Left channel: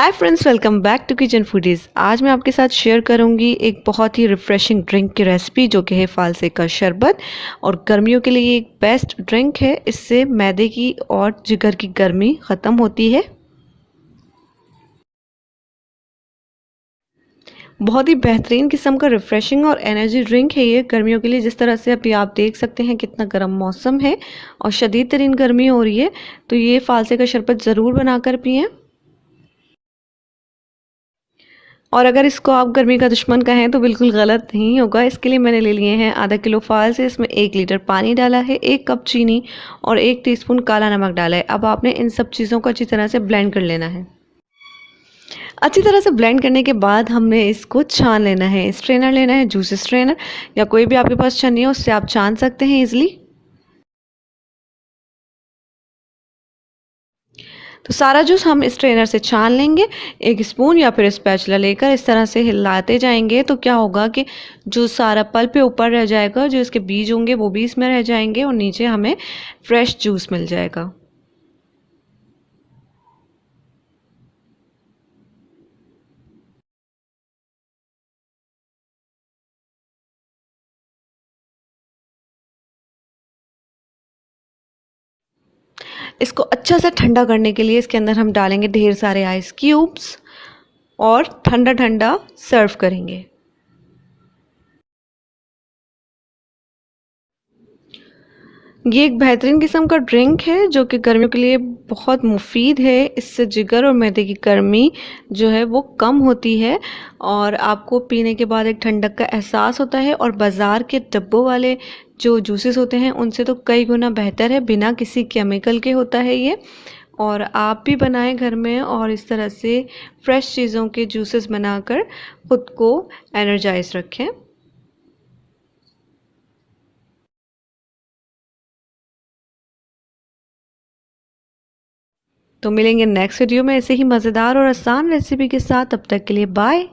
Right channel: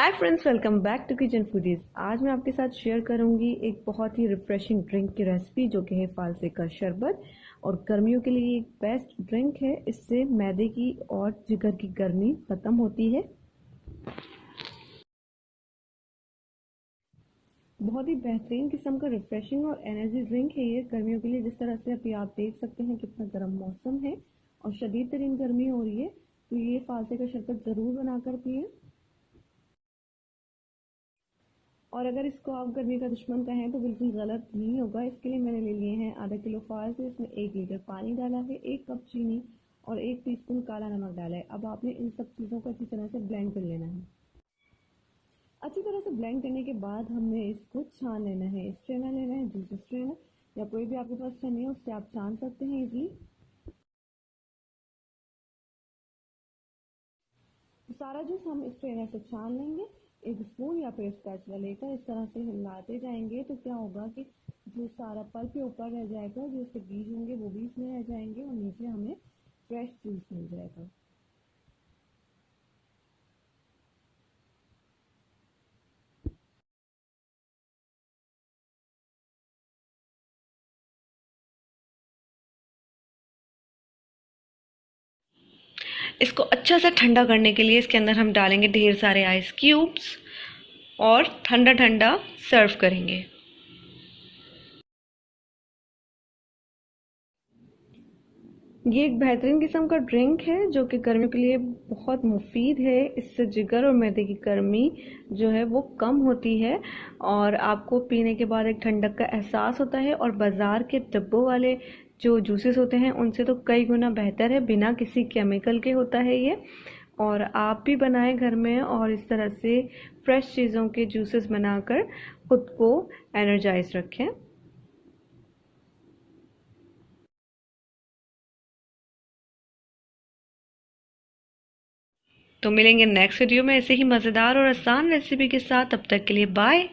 Hi friends, welcome back to kitchen foodies. आज मैं आपके साथ शेयर करूंगी एक बहुत ही रिफ़्रेशिंग ड्रिंक की रेसिपी जो कि है फालसे का शरबत। और गर्मियों के लिए एक बेस्ट ड्रिंक है। इससे मैदे की और जिगर की गर्मी ख़त्म होती है। बहुत ही बेहतरीन किस्म का रिफ़्रेशिंग और एनर्जी ड्रिंक है ये गर्मियों के लिए। जिस तरह से अभी आप देख सकते हैं कितना गर्म मौसम है और शदीद तरीन गर्मी हो रही है, तो ये फालसे का शरबत ज़रूर बनाकर पिएँ। और अगर इसको आप गर्मी का दुश्मन कहें तो बिल्कुल गलत नहीं होगा। इसके लिए मैंने ले लिए हैं आधा किलो फाल से। इसमें 1 लीटर पानी डाला है, 1 कप चीनी और 1 टीस्पून काला नमक डाला है। अब आपने इन सब चीज़ों को अच्छी तरह से ब्लेंड कर लेना है। अच्छी तरह से ब्लेंड करने के बाद हमने इसको छान लेना है। स्ट्रेनर लेना है, जूस स्ट्रेनर या कोई भी आपके पास छन्नी हो उससे आप छान सकते हैं ईजिली। तो सारा जूस हम स्ट्रेनर से छान लेंगे। एक स्पून या फिर स्पैचुला लेकर इस तरह से हिलाते जाएंगे तो क्या होगा कि जो सारा पल्प है ऊपर रह जाएगा, जो इसके बीज होंगे वो भी इसमें रह जाएंगे और नीचे हमें फ्रेश जूस मिल जाएगा। इसको अच्छा से ठंडा करने के लिए इसके अंदर हम डालेंगे ढेर सारे आइस क्यूब्स और ठंडा ठंडा सर्व करेंगे। ये एक बेहतरीन किस्म का ड्रिंक है जो कि गर्मियों के लिए बहुत मुफीद है। इससे जिगर और मैदे की गर्मी जो है वो कम होती है और आपको पीने के बाद एक ठंडक का एहसास होता है। और बाज़ार के डब्बों वाले जो जूसेस होते हैं उनसे तो कई गुना बेहतर है, बिना किसी केमिकल के होता है ये। और आप भी बनाएं घर में और इस तरह से फ्रेश चीज़ों के जूसेस बनाकर ख़ुद को एनर्जाइज रखें। तो मिलेंगे नेक्स्ट वीडियो में ऐसे ही मज़ेदार और आसान रेसिपी के साथ। तब तक के लिए बाय।